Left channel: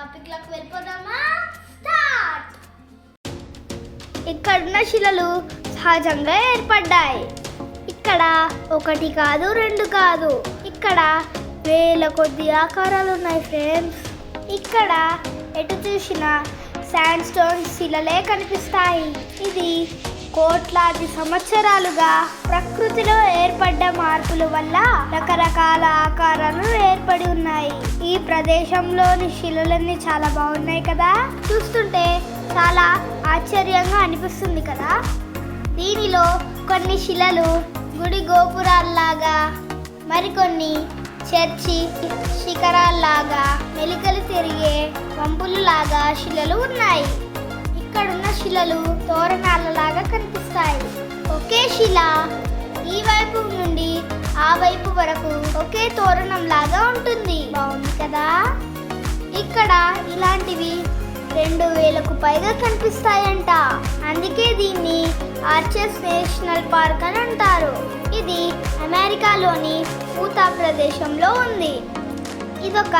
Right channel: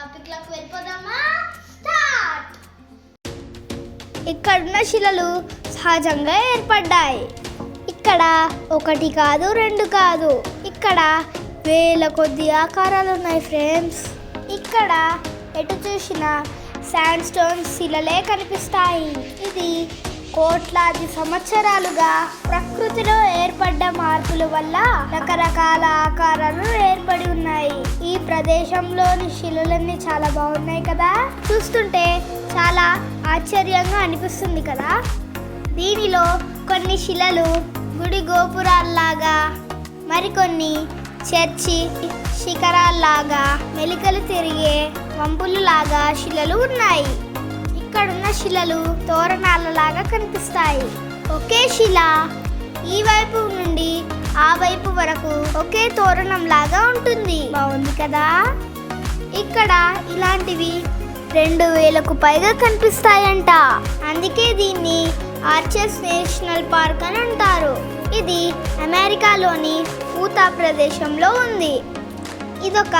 టాపిక్లోకి వెళ్ళిపోదామా? స్టార్ట్. ఇక్కడున్న శిలలు సహజంగా ఏర్పడ్డాయి. ఇక్కడ ఒకటి కాదు, రెండు కాదు, ఇక్కడ వేల కొద్ది ఆకారాలు ఉన్నాయి ఫ్రెండ్స్. ఇక్కడ ఎటు చూసినా శాండ్ స్టోన్ శిలలే కనిపిస్తాయి. ఇది కోట్లాది సంవత్సరాలుగా ప్రకృతిలో ఏర్పడ్డ మార్పుల వల్ల రకరకాల ఆకారాలు ఏర్పడి ఉన్నాయి. ఈ ప్రదేశంలోని శిలలన్నీ చాలా బాగున్నాయి కదా, చూస్తుంటే చాలా ఆశ్చర్యంగా అనిపిస్తుంది కదా. దీనిలో కొన్ని శిలలు గుడి గోపురాల్లాగా, మరికొన్ని చర్చి శిఖరాల్లాగా, మెలికలు తిరిగే వంపులలాగా శిలలు ఉన్నాయి. ఇక్కడున్న శిలలు తోరణాలలాగా కనిపిస్తాయి. ఒకే శిల ఈ వైపు నుండి ఆ వైపు వరకు ఒకే తోరణం లాగా ఉంటుంది. బాగుంది కదా. ఇక్కడ ఇలాంటివి 2000కు పైగా కనిపిస్తాయంట. అందుకే దీన్ని ఆర్చెస్ నేషనల్ పార్క్ అని అంటారు. ఇది అమెరికాలోని ఊతా ప్రదేశంలో ఉంది. ఇదొక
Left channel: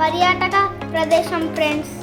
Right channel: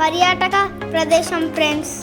పర్యాటక ప్రదేశం ఫ్రెండ్స్.